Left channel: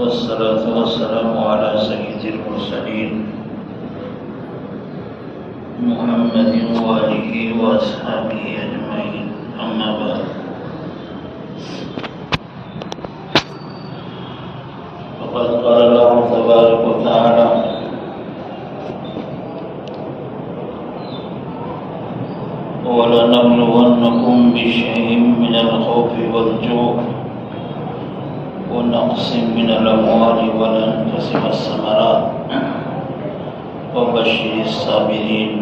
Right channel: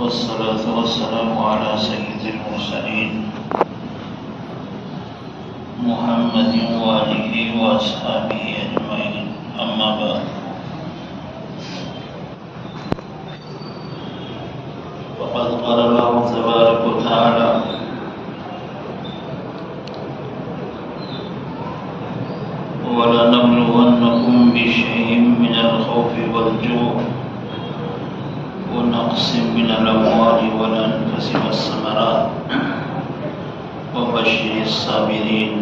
والصلاة والسلام على سيد المرسلين محمد وآله وأصحابه أجمعين. أما بعد، فقد قال الله تبارك وتعالى: وَلَنَبْلُوَنَّكُمْ بِشَيْءٍ مِّنَ الْخَوْفِ وَالْجُوعِ وَنَقْصٍ مِّنَ الْأَمْوَالِ وَالْأَنفُسِ وَالثَّمَرَاتِ وَبَشِّرِ الصَّابِرِينَ.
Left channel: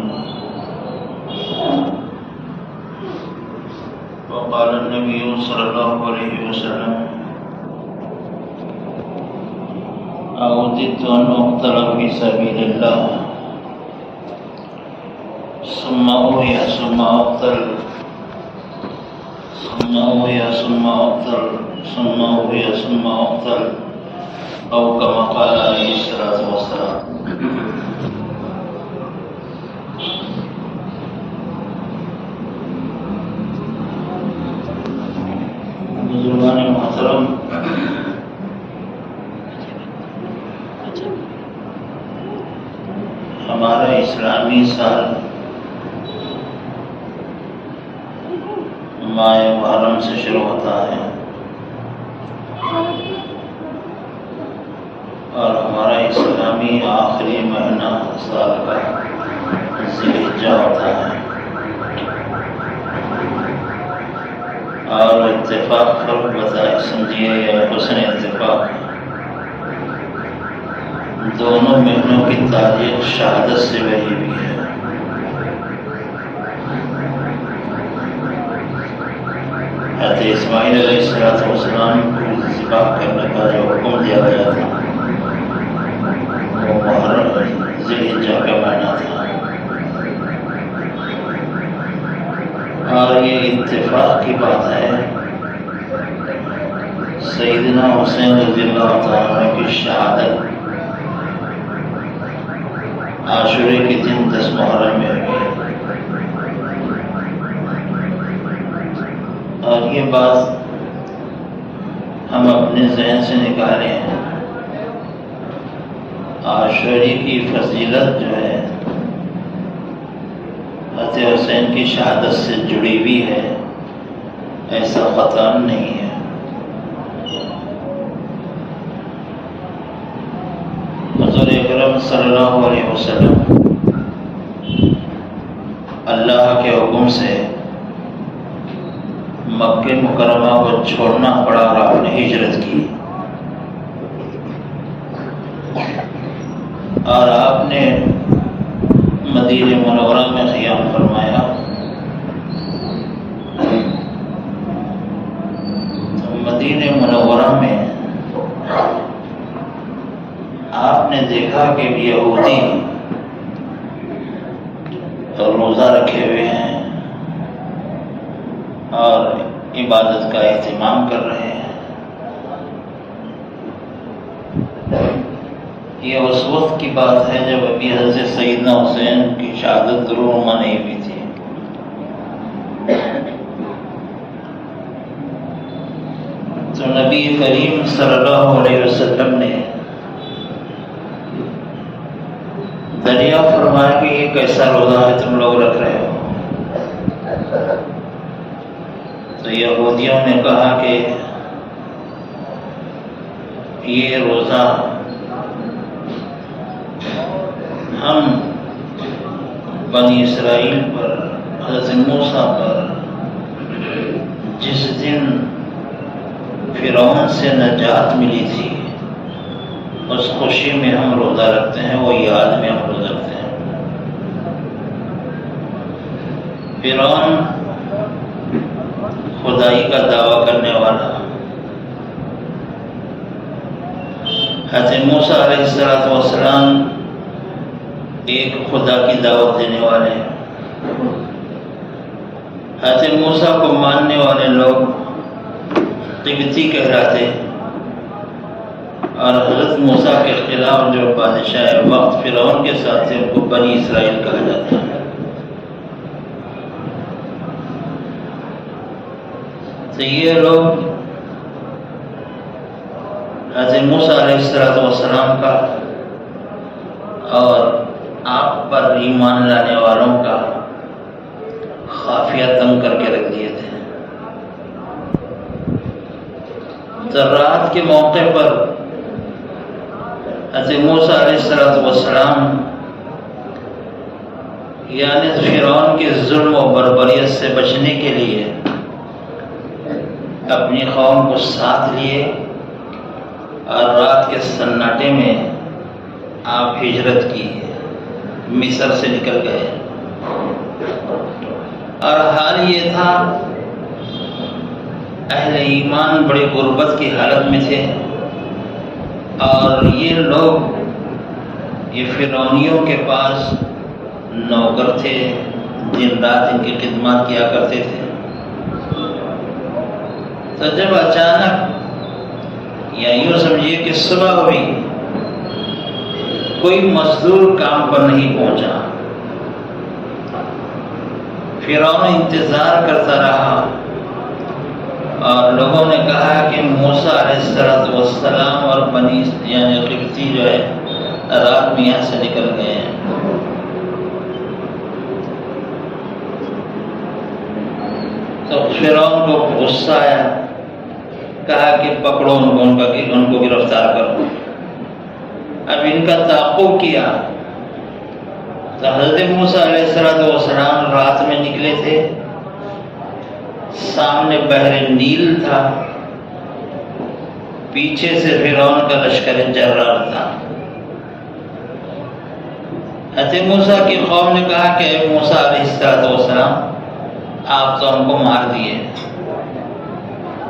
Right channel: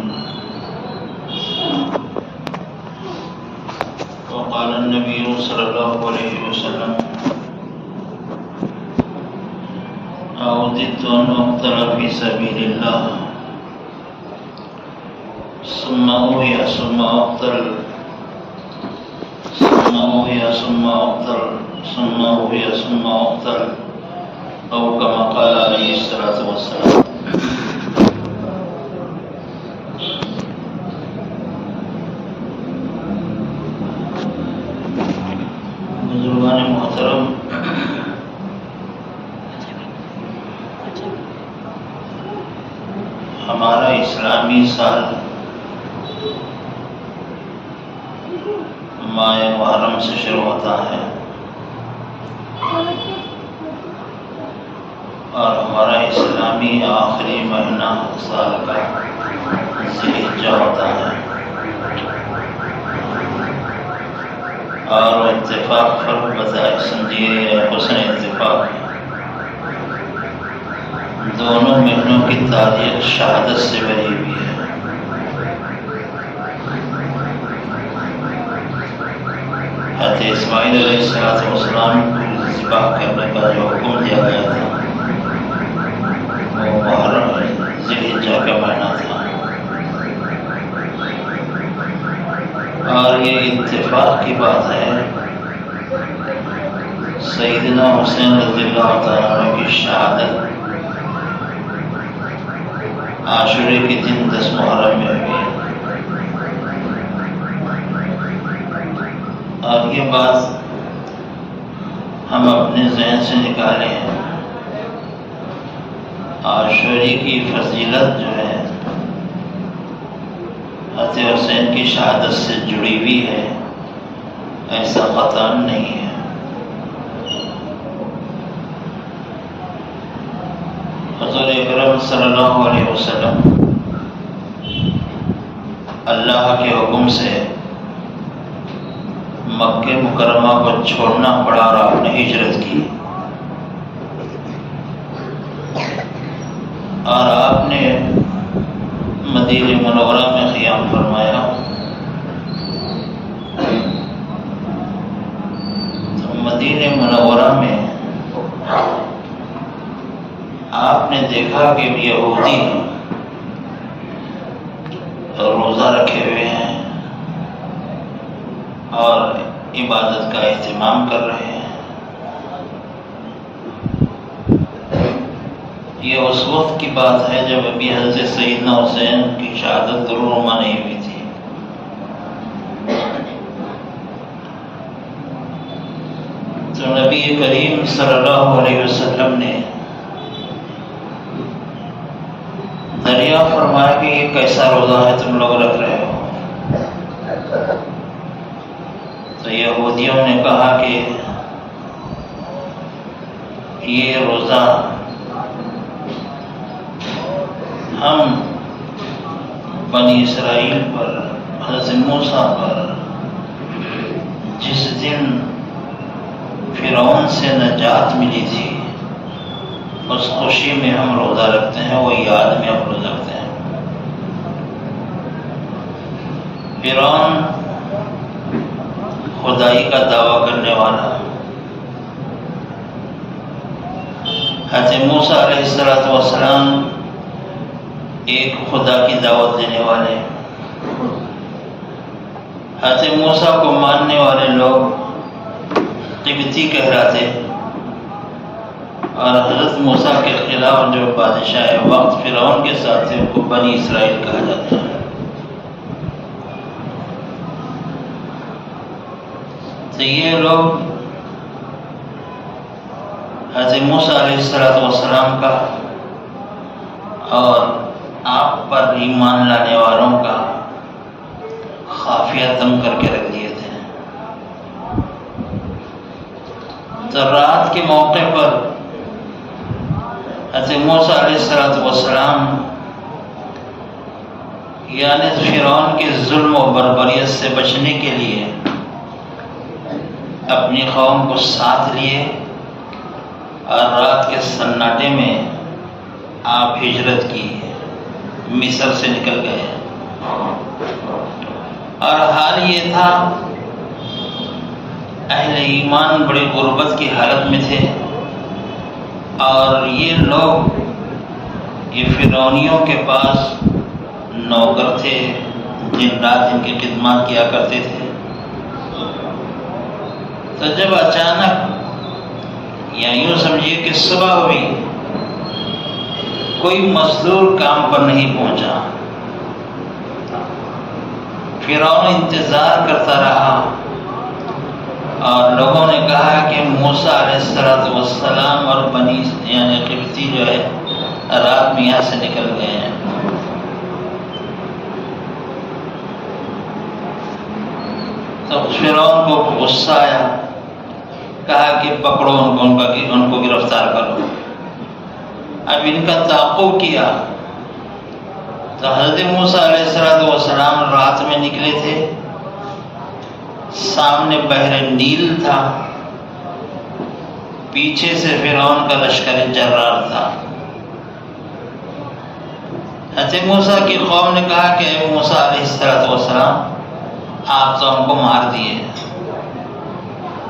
وقال النبي صلى الله عليه وسلم: أوددت أن أقتل في سبيل الله ثم أحيى ثم أقتل ثم أحيى ثم أقتل ثم أحيى ثم أقتل، أو كما قال عليه الصلاة والسلام. بزرگان محترم، ہمارا اسلامی سال ماہ محرم سے شروع ہوتا ہے اور ہمارا اسلامی آخری مہینہ سال کا ذی الحجہ ہوتا ہے، اور اتفاق فرق بتائے سمجھیے یا حسن اتفاق، دونوں مہینوں کی تاریخ شہادت سے بھری ہوئی ہے. حضرت اسماعیل علیہ السلام کو ذبح کرنے کا جو حکم دیا گیا تھا وہ محرم ذی الحجہ کا مہینہ تھا، اور یہ اتفاق کی بات ہے سیدنا حسین رضی اللہ تعالیٰ عنہ کی شہادت عاشورے کے دن 10 محرم میں ہوئی. اور یہ بات ہم اپنے ذہن سے نکالیں، عاشوری کی فضیلت جو ہے حضرت حسین کی شہادت سے جڑی ہوئی ہے، ایسا قطعاً نہیں ہے. حضور اکرم صلی اللہ علیہ وسلم اللہ کے حکم سے مکہ مکرمہ کو چھوڑنا پڑا اور آپ نے ہجرت کی، اور آپ نے مدینہ منورہ میں قیام فرمایا. مدینہ منورہ میں آپ نے دیکھا کہ یہودی روزہ رکھے ہوئے ہیں اور عبادت کا اہتمام کر رہے ہیں. یہ اس وقت کی بات ہے جب ابھی حضرت سیدنا حسین کی شہادت درونما نہیں ہوئی تھی. تو نبی کریم صلی اللہ علیہ وسلم نے دریافت فرمایا کہ یہ کیسا روزہ ہے تم لوگ رکھ رہے ہو؟ تو یہودیوں نے کہا کہ یہ روزہ ہم بنی اسرائیل پر، حضرت موسیٰ پر جس دن فرعون سے نجات ملی تھی اس خوشی میں ہم روزہ رکھتے ہیں، وہ یاد میں ہم روزہ رکھتے ہیں. فرعون خدائی کا دعویٰ کرنے والا، حضرت موسیٰ علیہ السلام ایک خدا کی دعوت دینے والے، حضرت موسیٰ کو ماننے والے لوگ قبطی کہلاتے، اور حضرت موسیٰ کے خلاف جو بادشاہ وقت فرعون کے ساتھ تھے ان کو بنی اسرائیل کہا جاتا ہے. تو یہ لوگ حضرت موسیٰ علیہ السلام کا اور آپ پر ایمان لانے والوں کا خافیہ تنگ کر کے رکھ دیے تھے۔ تو رات کے موقع پر حضرت موسیٰ علیہ السلام یعنی فرعون کے ظلم و بربریت سے بچنے کے لیے اپنی قوم کو ساتھ لیے اور رات کے سناٹے میں آپ ہجرت کی، مصر سے نکل گئے۔ اور حال یہ تھا اہل ایمان بڑے غربت کی حالت میں تھے، اور یہ لوگ یہ فرعونیوں کے پاس نوکر تھے، دن رات ان کی خدمات کیا کرتے تھے۔ تو جب اچانک یا یوں سمجھیے کہ صبح ہوئی، کوئی مزدور کام پر نہیں پہنچا، فرعون انتظار کرتا رہا، اور لوگوں نے کہا کہ موسیٰ علیہ السلام اور بنی یعنی قبطی جو ہے رات میں یہاں سے نکل گئے ہیں۔ تو فرعون کو غصہ آیا، کہا کہ پکڑو ان کو گرفتار کرو۔ اب ان کا تعاقب کیا تو حضرت موسیٰ علیہ السلام رات میں نکلے تھے، سامنے بحر نیل تھا، پیچھے سے فرعون کا لشکر جرار تھا۔ حضرت موسیٰ کی قوم نے کہا کہ اے موسیٰ علیہ السلام، آپ تو ہم کو مار دیے،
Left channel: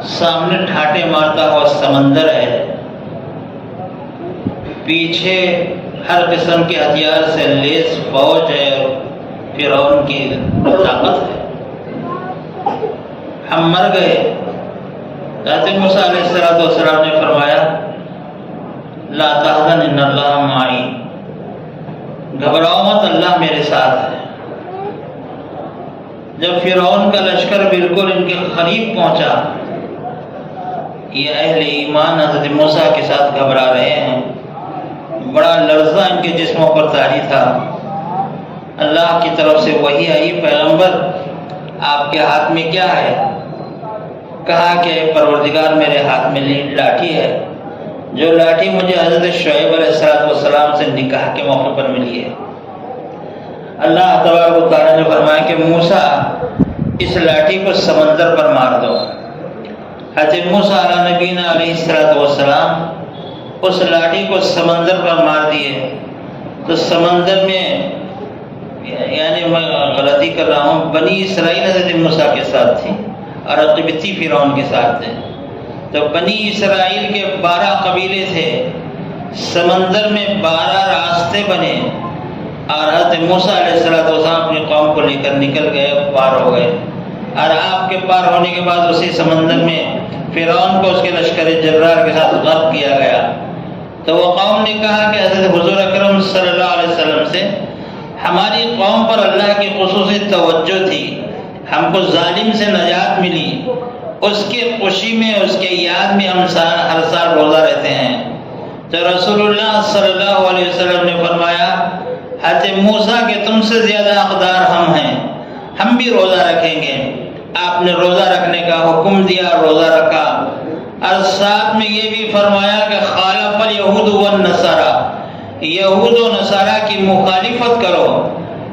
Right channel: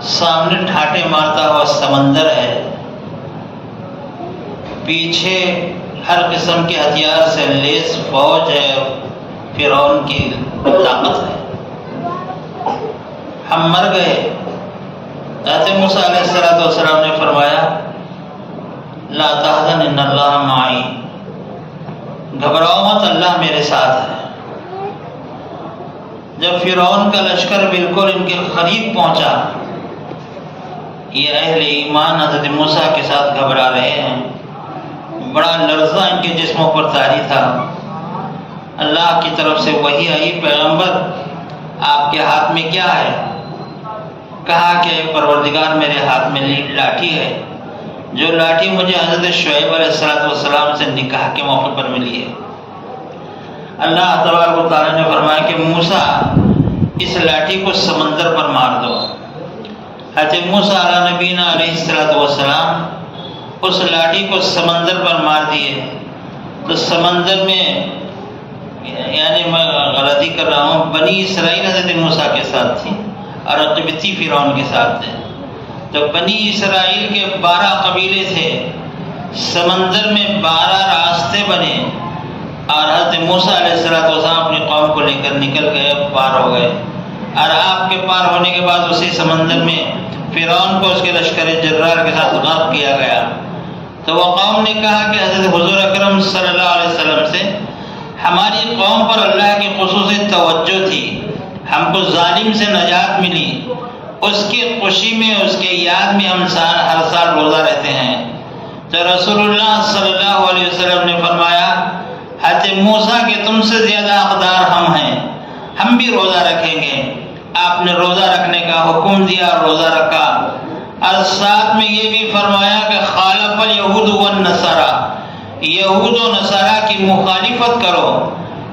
سامنے ٹھاٹے مارتا ہوا سمندر ہے، پیچھے ہر قسم کے ہتھیار سے لیس فوج ہے، فرعون کی طاقت ہے، ہم مر گئے۔ حضرت موسیٰ علیہ السلام نے فرمایا لا تحزن ان اللہ معی، گھبراؤ مت، اللہ میرے ساتھ ہے۔ جب فرعون کا لشکر بالکل ان کے قریب پہنچا، یہ اہل ایمان حضرت موسیٰ کے ساتھ گھبرا رہے ہیں، بڑا لرزہ ان کے جسموں پر طاری تھا۔ اللہ کی طرف سے وحی آئی، پیغمبر آپ کے ہاتھ میں کیا ہے؟ کہا کہ پروردگار میرے ہاتھ میں لاٹھی ہے، جو لاٹھی مجھے حضرت شعیب علیہ السلام سے نکاح کے موقع پر ملی ہے۔ اللہ تبارک و تعالیٰ نے فرمایا کہ موسیٰ اس لاٹھی کو سمندر پر مار دو۔ حضرت موسیٰ علیہ نبینا علیہ السلام اس لاٹھی کو سمندر پر مار دیے، تو سمندر میں یعنی میں غلطی کر رہا ہوں، بنی اسرائیل حضرت موسیٰ کے ساتھ تھی اور قبطی فرعون کے ساتھ تھے۔ تو بنی اسرائیل کے 12 قبیلے تھے، سمندر میں 12 راستے بنے، اور حضرت موسیٰ علیہ السلام اپنی قوم کو لے کر نکل گئے، پار ہو گئے۔ اور آپ کے پار ہونے کے بعد اسی سمندر میں فرعون کو اس کے لشکر جرار کے ساتھ غرق کیا گیا۔ تو وہ قوم نے کہا کہ حضرت حضور اکرم صلی اللہ علیہ وسلم سے ہماری قوم پر اللہ کی خصوصی توجہ تھی، ہم کو ظالم سے نجات ملی، اس کی خوشی میں اس کے یاد میں ہم ہر سال روزہ رہتے ہیں۔ تو رسول اللہ صلی اللہ علیہ وسلم نے فرمایا حضرت موسیٰ کہ تم سے زیادہ حقدار ہم ہیں، ہم بھی روزہ رکھیں گے۔ آپ نے روزہ رکھنے کا حکم دیا، روزہ رکھا، اور ساتھ میں یہ بھی فرمایا کہ خالف الیہود والنصارى، یہود و نصارہ کی مخالفت کرو۔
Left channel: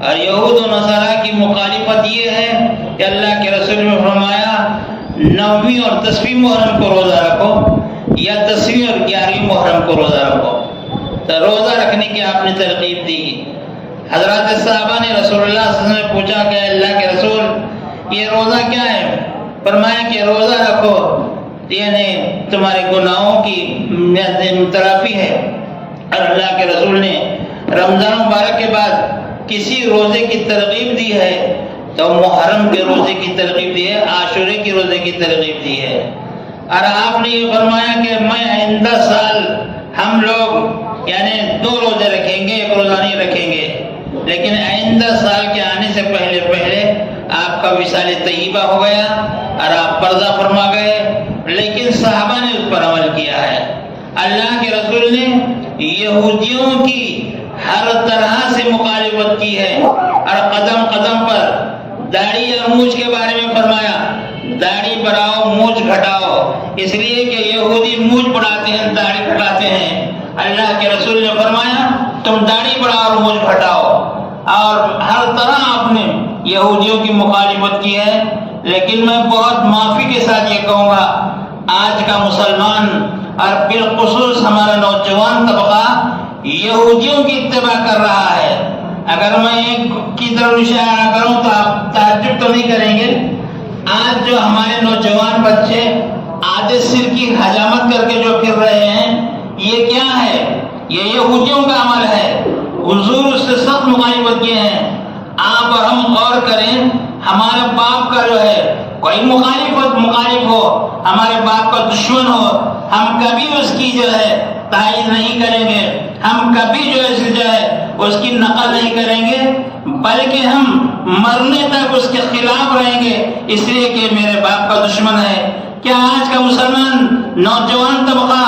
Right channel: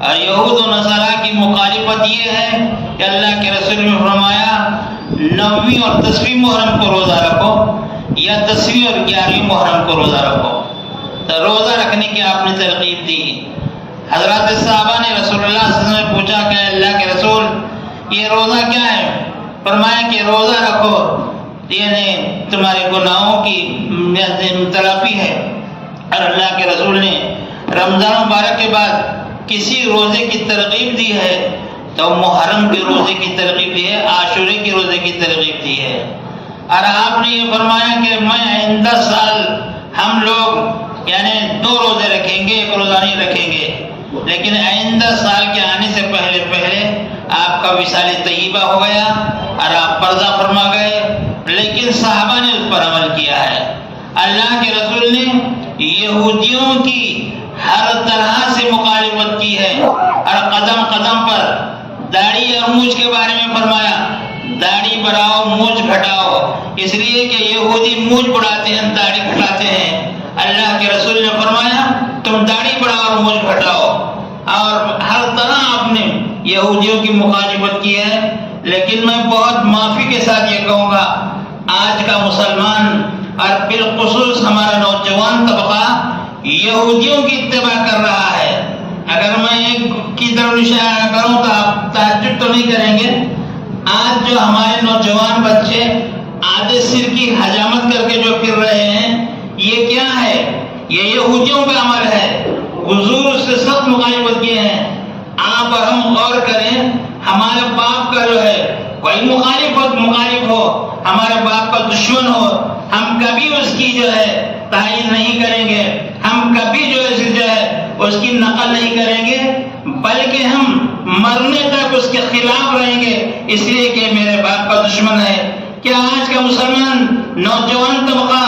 اور یہود و نصارہ کی مخالفت یہ ہے کہ اللہ کے رسول نے فرمایا 9ویں اور 10ویں محرم کو روزہ رکھو، یا 10ویں اور 11ویں محرم کو روزہ رکھو۔ تو روزہ رکھنے کی آپ نے ترغیب دی۔ حضرات صحابہ نے رسول اللہ صلی اللہ علیہ وسلم سے پوچھا کہ اللہ کے رسول یہ روزہ کیا ہے؟ فرمایا کہ روزہ رکھو یعنی تمہارے گناہوں کی تلافی ہے۔ اور اللہ کے رسول نے رمضان مبارک کے بعد کسی روزے کی ترغیب دی ہے تو محرم کے روزے کی ترغیب دی ہے، عاشورے کی روزے کی ترغیب دی ہے۔ اور آپ نے یہ فرمایا کہ میں آئندہ سال ہم لوگ یعنی 2 روزے رکھیں گے، 1 روزہ نہیں رکھیں گے، لیکن آئندہ سال کے آنے سے پہلے آپ کا وصال طیبہ ہو گیا اور آپ پردہ فرما گئے، لیکن صحابہ نے اس پر عمل کیا ہے۔ اللہ کے رسول نے یہودیوں کی ہر طرح سے مخالفت کی ہے اور قدم قدم پر داڑھی اور مونچھ کے بارے میں فرمایا داڑھی بڑھاؤ مونچھ گھٹاؤ، اس لیے کہ یہودی مونچھ بڑھاتے ہیں داڑھی گھٹاتے ہیں۔ اللہ کے رسول نے فرمایا تم داڑھی بڑھاؤ اور مونچھ گھٹاؤ، اور ہر طرح آپ نے یہودیوں کی مخالفت کی ہے۔ لیکن میں بہت معافی کے ساتھ یہ کہوں گا، آج کا مسلمان اور بالخصوص ہمارا نوجوان طبقہ یہودیوں کی اتباع کر رہا ہے۔ اگر میں ایک کی طرف اشارہ کروں تو آپ تعجب تو نہیں کریں گے، آج جو ہمارے نوجوان بچے آدھے سر کی حجامت کر کے جو پھر رہے ہیں، یہ کیا ہے؟ یہ یہودیوں کا عمل ہے۔ حضور اس سے سخت مخالفت کیے ہیں۔ آپ اور ہم غور کریں، ہمارے باپ کا جو ہے کوئی مخالف ہو، ہمارے باپ کا دشمن ہو، ہم کبھی اس کی جو ہے تائید نہیں کریں گے، ہم کبھی جو ہے اس کی نقل نہیں کریں گے، بلکہ ہم مرنے تک اس کے خلاف رہیں گے، اس لیے کہ میرے باپ کا دشمن ہے۔ کیا آج کا مسلمان نوجوان طبقہ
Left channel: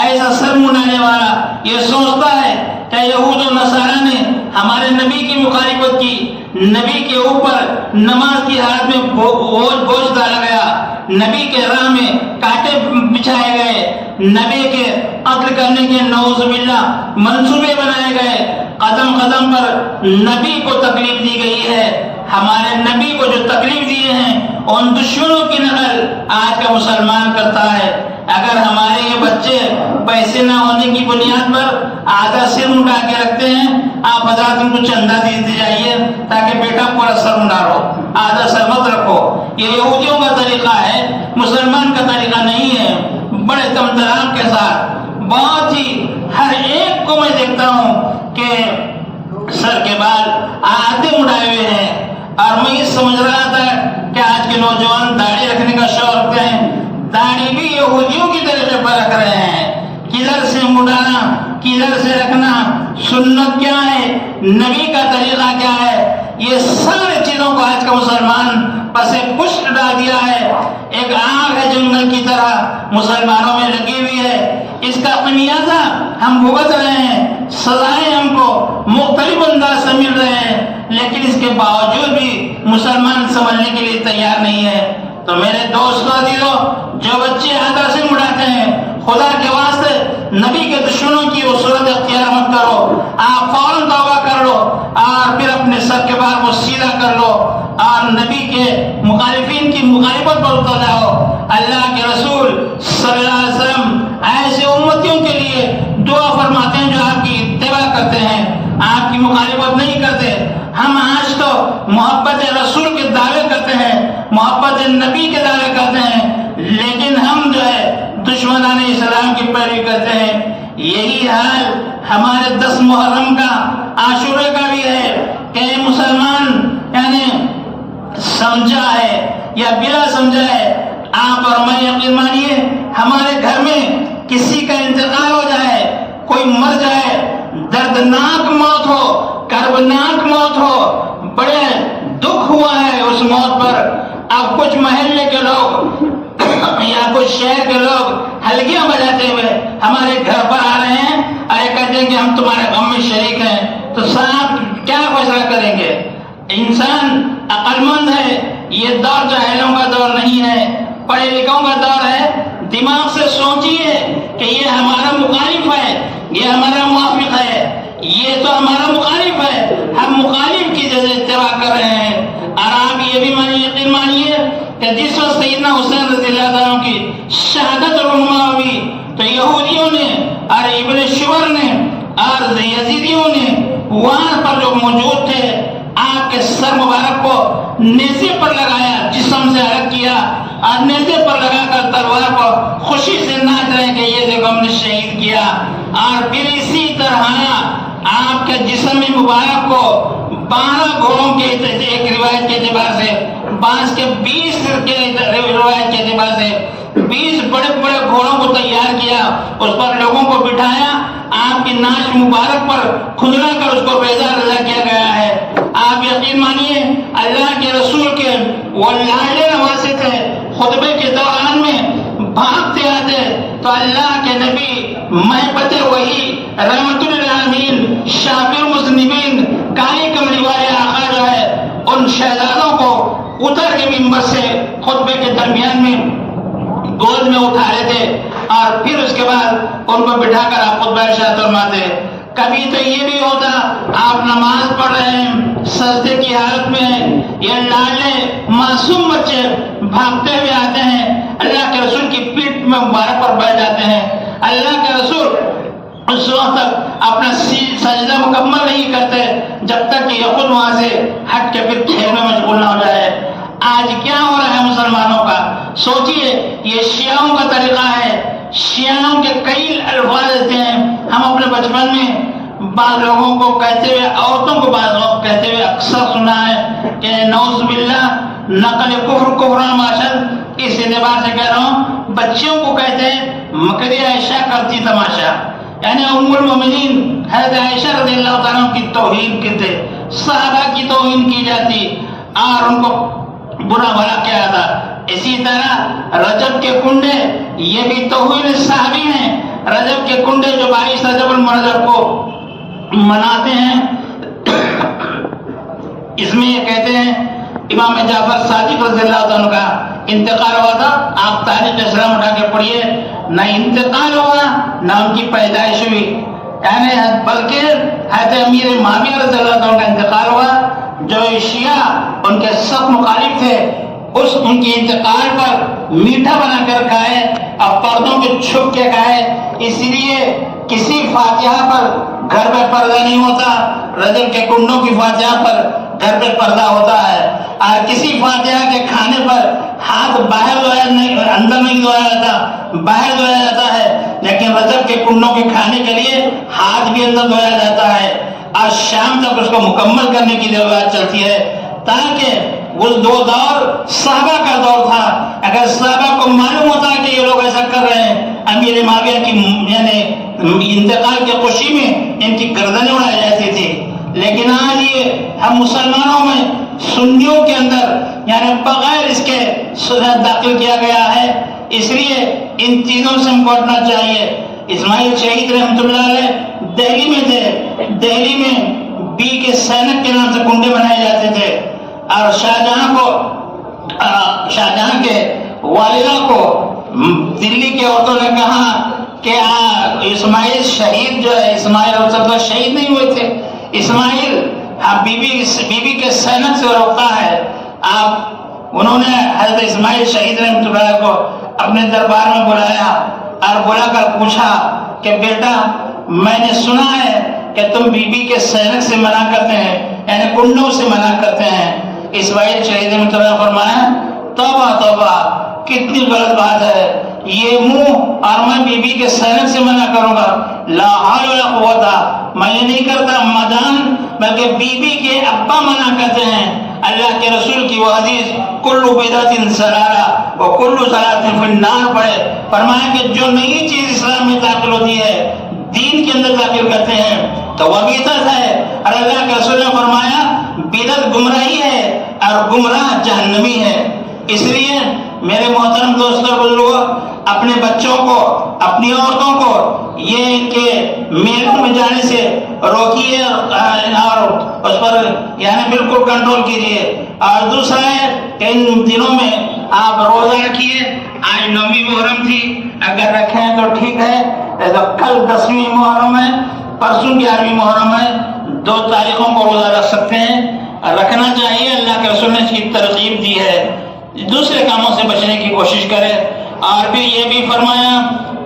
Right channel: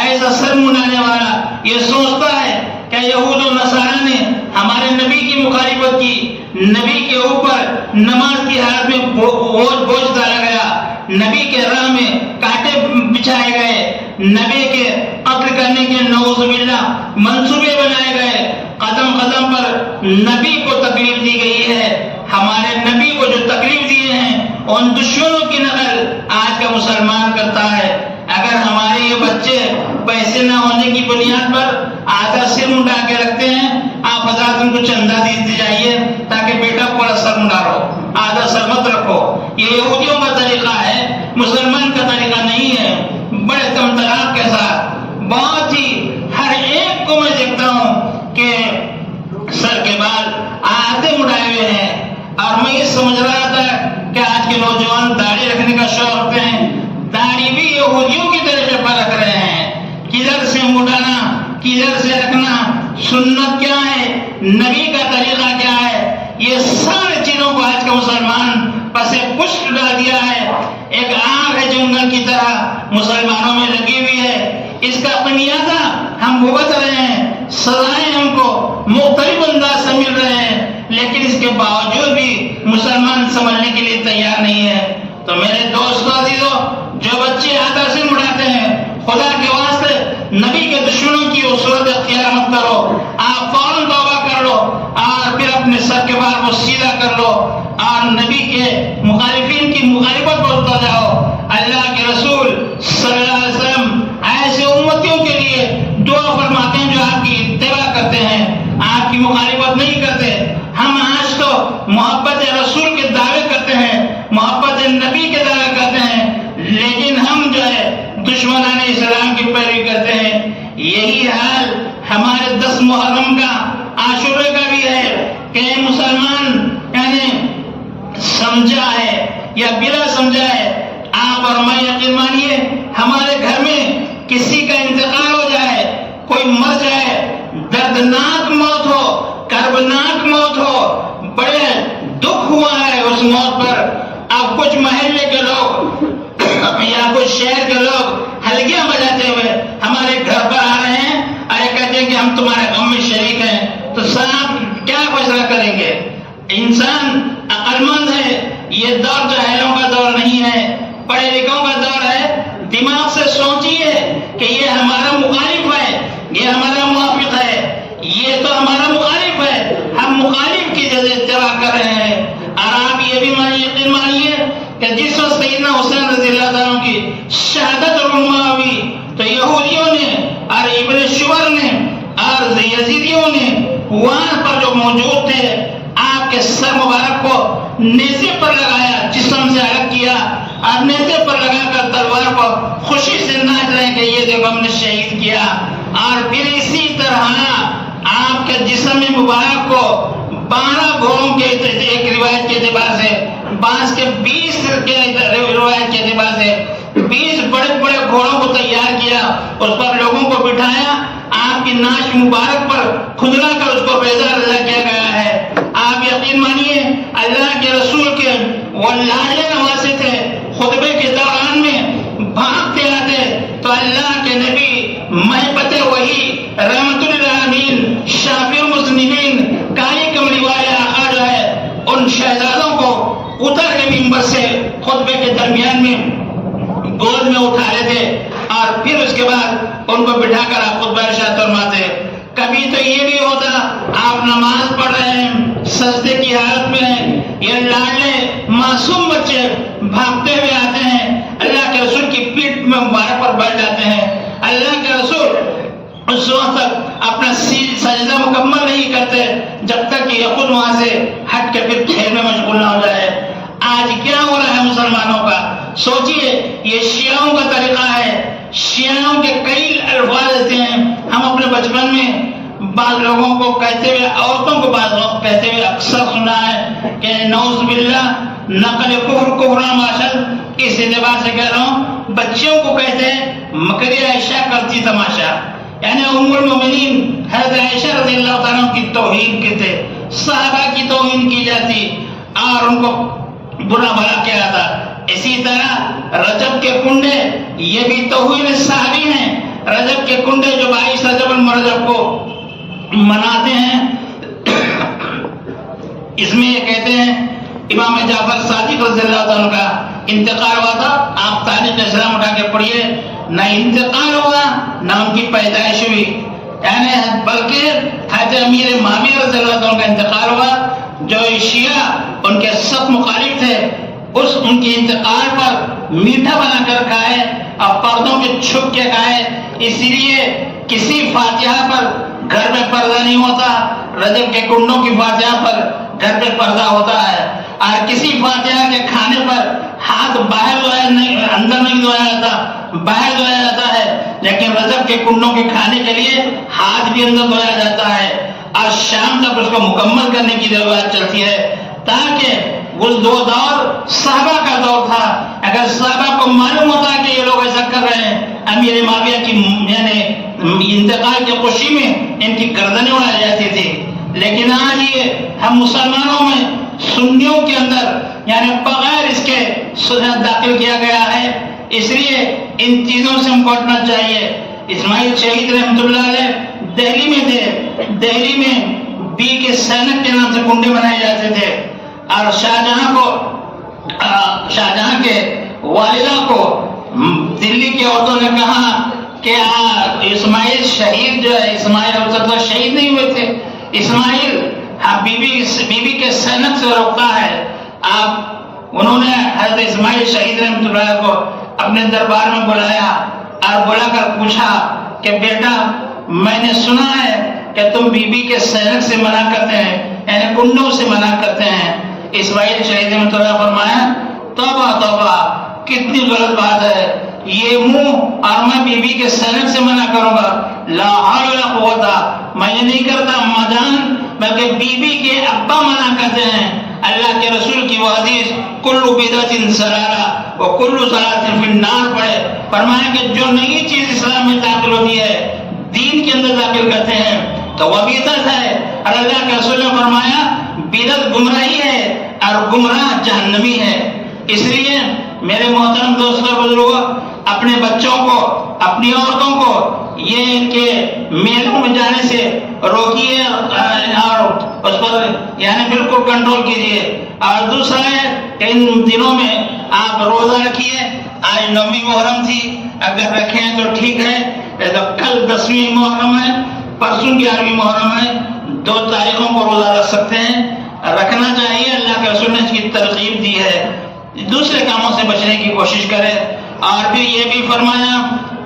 ایسا سر منڈانے والا یہ سوچتا ہے کہ یہود و نصارہ نے ہمارے نبی کی مخالفت کی، نبی کے اوپر نماز کی حالت میں بوجھ ڈالا گیا، نبی کے راہ میں کانٹے بچھائے گئے، نبی کے قتل کرنے کے نعوذ باللہ منصوبے بنائے گئے، قدم قدم پر نبی کو تکلیف دی گئی ہے۔ ہمارے نبی کو جو تکلیف دیے ہیں ان دشمنوں کی نقل آج کا مسلمان کرتا ہے۔ اگر ہمارے یہ بچے پیسے نہ ہونے کی بنیاد پر آدھا سر منڈا کے رکھتے ہیں، آپ حضرات ان کو چندہ دی جائیے تاکہ بیٹا پورا سر منڈارو، آدھا سر مت رکھو۔ یہ یہودیوں کا طریقہ ہے، مسلمان کا طریقہ نہیں ہے۔ بڑے تمتراک کے ساتھ بہت ہی ہر ایک کو میں دیکھتا ہوں کہ سر کے بال آدھے مڑائے ہوئے ہیں، اور میں یہ سمجھ رہا تھا کہ آج کے نوجوان داڑھی رکھنے کا شوق رکھتے ہیں، داڑھی بھی یہودیوں کی طریقے پر رکھ رہے ہیں۔ کدھر سے مڑانا، کدھر سے رکھنا، سنت کیا ہے، نبی کا طریقہ کیا ہے، یہ سارے چیزوں کو آج کا مسلمان پس پشت ڈال دیا ہے۔ ایک آگ ہے جنگل کی طرح مسلمانوں میں لگی ہوئی ہے، اس کا خمیازہ ہم بھگت رہے ہیں، سزائیں ہم کو مختلف انداز سے مل رہے ہیں، لیکن اس کے باوجود بھی مسلمان سمجھنے کے لیے تیار نہیں ہے۔ تو میرے دوستوں عزیزوں، جو بچے آدھا سر مڑاتے ہیں، خدا کے واسطے نبی کے دشمنوں کی وہ صورت اختیار مت کرو، آپ فوراً توبہ کر لو اور پھر اپنے سر کے بال کو سیدھا کر لو اور نبی کے مخالفین کی مخالفت پر اتر جاؤ۔ اللہ کے رسول صلی اللہ علیہ وسلم ایسے امتیوں کے لیے دعا فرماتے ہیں جو آپ کی اتباع کرتے ہیں، آپ کی مخالفت نہیں کرتے۔ ہم آج تو محبت رسول کے دعوے کرتے ہیں، محبت نبی کے دعوے کرتے ہیں، لیکن ہم جو ہے دشمنان اسلام کی پیروی کرتے ہیں۔ یہی حال ہمارے 10 محرم کا، عاشورہ کا بھی ہے کہ مسلمان یعنی سمجھا ہے یا بلا سمجھا ہے، آپ اور میں یقین مانیے ہمارے گھر میں کسی کا انتقال ہو جائے، کوئی مر جائے، دردناک موت ہو، کربناک موت ہو، بڑے دکھ ہوا ہے اس موت پر، اب کچھ محلے کے لوگ یا کچھ شہر کے لوگ ہلکیاں بجاتے ہوئے ہمارے گھر پر آ رہے ہیں اور یہ کہتے ہیں کہ ہم تمہارے غم میں شریک ہیں، تو صاحب کیا فیصلہ کریں گے؟ انسان عقل مند ہے، یہ دور جاہلوں کا دور نہیں ہے، پڑھے لکھوں کا دور ہے، دماغ سے سوچیے کہ یہ ہمارا مخالف ہے، یہ ہمارا موافق ہے، یہ تو ہمارا مخالف ہے، ہم مخالف کی جگہ اتباع کر رہے ہیں۔ اور آپ یہ بھی یقین مانیے کہ جس وقت سیدنا حسین رضی اللہ عنہ کی شہادت رونما ہوئی تو یہودیوں نے اور ابن شبر نے اور یزیدیوں نے وہاں پر جو موجود تھے آپ کے سر مبارک کو نیزے پر لگایا، جسم سے الگ کیا اور نیزے پر لگا کر تلوار پر خوشی سے ناچ رہے کہ یہ دیکھو ہم نے شہید کیا۔ اور پھر اسی طرح آپ کے جسم مبارک کو 12 گھوڑوں کے ایک روایت کے اعتبار سے، بعض کے 20 کے روایت کے اعتبار سے 20 بڑے بڑے گھوڑوں کو تیار کیا، اس پر لوگوں کو بٹھایا، آپ کی ناچ مبارک پر کھدلا کر اس کو بیزار رضا کیا گیا ہے۔ آپ یقین مانیے اللہ کے رسول کے وہ لاڈلے نواسے تھے، خطبے کے دوران میں بھاگتے آتے تو اللہ کے نبی محبت وہی رحمت للعالمین شافی المذنبین کالی کملی والے آقا جو ہے ان شہزادوں کو اتر کے منبر سے خطبے کے درمیان میں گود میں اٹھا رہے تھے اور پھر اس کے بعد ان کو بٹھا کر آپ خطبہ ارشاد فرماتے. کبھی تو یہ بھی ہوتا آپ نماز پڑھ رہے ہیں سجدے کی حالت میں ہیں, یہ لاڈلے معصوم بچے بھاگتے ہوئے آتے ہیں اللہ کے رسول کی پیٹھ میں مبارک پر بیٹھ جاتے ہیں. اللہ کے رسول اس وقت تک اپنا سجدہ مکمل نہیں کرتے جب تک کہ یہ خود وہاں سے ہٹ کے پھر کھیل میں مشغول نہ ہو جائے. آج کیا ہو رہا ہے مسلمانوں کا, سوچئے یہ شیعوں کا طریقہ ہے. شیعوں کے کئی الفاظ ایسے ہیں ہم اپنے بچپن میں بعض لوگوں کو کہتے ہوئے, عورتوں کو بعض وقت کہتے ہوئے اکثر سنا ہے کہ نعوذ باللہ نقل کفر کفران معاشر. اس اعتبار سے کہہ رہا ہوں بچیوں کو کہتے ہیں مکر عائشہ کرتی تماشا, یعنی ام المومنین حضرت عائشہ رضی اللہ تعالیٰ کی توہین کرتے, صحابہ کی توہین کی جاتی اور ان کو برا بھلا کیا جاتا. اسی طرح رجب کے کنڈے یہ بھی توہین صحابی ہیں. رجب کے کنڈے جو 22 رجب المرجب کو مناتے ہیں اس میں یہ کہتے ہیں امام جعفر صادق رضی اللہ عنہ کا انتقال ہوا تھا. آپ تاریخ اسلام اٹھا کے پڑھیے, نہ انتقال ہوا نہ ان کی پیدائش ہوئی, یعنی بلکہ حضرت امیر معاویہ رضی اللہ عنہ کا انتقال ہوا جو شیعہ ان کے سخت مخالف تھے. اس ان کے انتقال پر میٹھا بنا کر کھائے اور پردوں میں چھپ کے کھائے. اس لیے کسی فاتحہ پر گھر میں پردہ نہیں ہوتا, رجب کے کنڈوں کی فاتحہ پر گھر میں پردہ ہوتا ہے. اور کسی فاتحہ کے کھانے پر ہاتھ باہر دھویا نہیں, اندر نہیں دھویا جاتا, باہر دھویا جاتا ہے. لیکن رجب کے کنڈوں کے کھانے کے لیے ہاتھ بھی اندر دھویا جاتا ہے اور شام تک اس کو مکمل کرنے کی ضرورت چلتی ہے تاکہ وہ دور صحابہ کا دور تھا. اگر صحابہ کو معلوم ہوتا ہے کہ یہ لوگ ایسا کر رہے ہیں, امیر معاویہ کی یعنی انتقال کی خوشی میں ان کی گردنیں اڑائی جاتی تھی. لیکن آج یہ ہم مسلمانوں میں سنیوں کے اندر یعنی بغیر اس کے داخل کیا گیا ہے. اس لیے ان چیزوں سے ہم بچنا چاہیے. اسماعیل شہید رحمۃ اللہ علیہ دہلی میں تھے. دہلی میں بی کے سینک کے نام سے کنڈے بنائے جاتے تھے اور شاہجہاں کے والدہ کو دلی کے عورتوں نے کہا کہ اسماعیل شہید جو ہے, اسماعیل ہو سکتا شہید نہیں ہوئے تھے, اسماعیل بی بی کے سینک سے روکتا ہے. انہوں نے حضرت اسماعیل شہید رحمۃ اللہ کو اپنے دربار میں بلایا اور بلا کر پوچھا کہ بیٹا میں نے سنا ہے کہ تم بی بی کے سینک سے منع کرتے ہیں, یعنی کنڈوں سے منع کرتے ہیں. اسماعیل شہید رحمۃ اللہ فرمایا توبہ توبہ کتنی غلط بات ہے, یہ منہ اور میں بی بی کے سینک سے منع کروں گا, لا حول ولا قوت, میں یہ نہیں کرتا اما جان, بلکہ بی بی کے ابا منع کرتے ہیں. اللہ کے رسول کی وہ حدیث کل بدعت ضلالہ وکل ضلالۃ فی النار پڑھے, فرمایا کہ جو نئی چیز اسلام میں داخل ہوتی ہے دین کے اندر داخل کرتے ہیں تو وہ بدعت ہے. اور اللہ کے رسول نے فرمایا بدعت گمراہی ہے اور گمراہ جہنمی ہے. اس لیے میرے محترم دوستوں بزرگوں, اپنے بچوں کو اپنی عورتوں کو یہ ان کے میلوں میں جانے سے روکیے اور اس پر یعنی بالکل کنٹرول کیجیے. اور دوسرا ہے کہ ان دنوں میں آپ روزہ رکھیے. آج 9ویں محرم تھی, اگر رکھیں تو ٹھیک ہے, کل 10ویں محرم ہے, پرسوں 11ویں محرم ہے, 2 تاریخوں کو روزہ رکھ سکتے ہیں, رکھنا چاہیے. اللہ کے رسول نے اس کی ترغیب دی ہے. دوسرے کاموں سے بچنے کی کوشش کرے. اور بھی یہ بھی فرمایا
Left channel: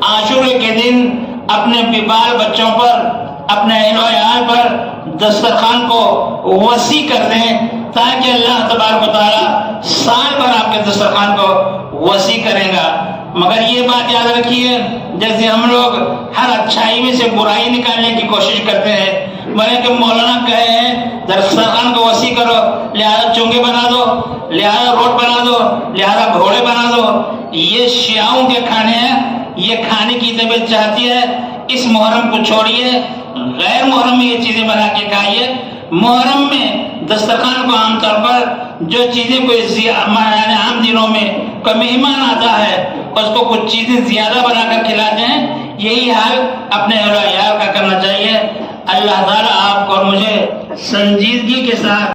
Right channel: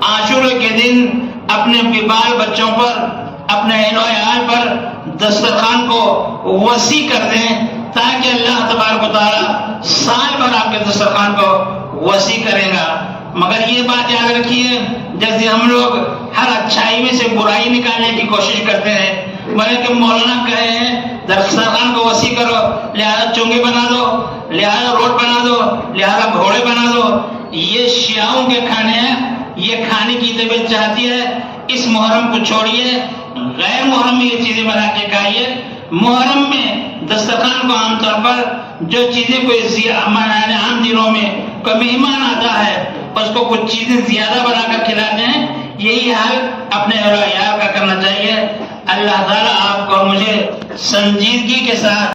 عاشورے کے دن اپنے بال بچوں پر اپنے اہل و عیال پر دسترخوان کو وسیع کرتے ہیں تاکہ اللہ تبارک و تعالیٰ سال پر آپ کے دسترخوان کو وسیع کرے گا. مگر یہ بات یاد رکھیے, جیسے ہم لوگ ہر اچھائی میں سے برائی نکالنے کی کوشش کرتے ہیں, بولے کہ مولانا کہے ہیں دسترخوان کو وسیع کرو, لہذا چونگے بنا دو, لہذا روڈ بنا دو, لہذا گھوڑے بنا دو. یہ شیعوں کے کھانے ہیں, یہ کھانے کی طبیعت چاہتی ہے. اس محرم کو چھوڑیے, غیر محرم میں یہ چیزیں بنا کے کھائیے. محرم میں دسترخوان کو عام طور پر جو چیزیں کوئی عام دنوں میں کوئی مہمان آتا ہے اس کو کچھ چیزیں زیادہ بنا کر کھلاتے ہیں, یہی حال اپنے اہل و عیال کا کرنا چاہیے. اللہ تعالیٰ آپ کو اور مجھے سنجیدگی کے ساتھ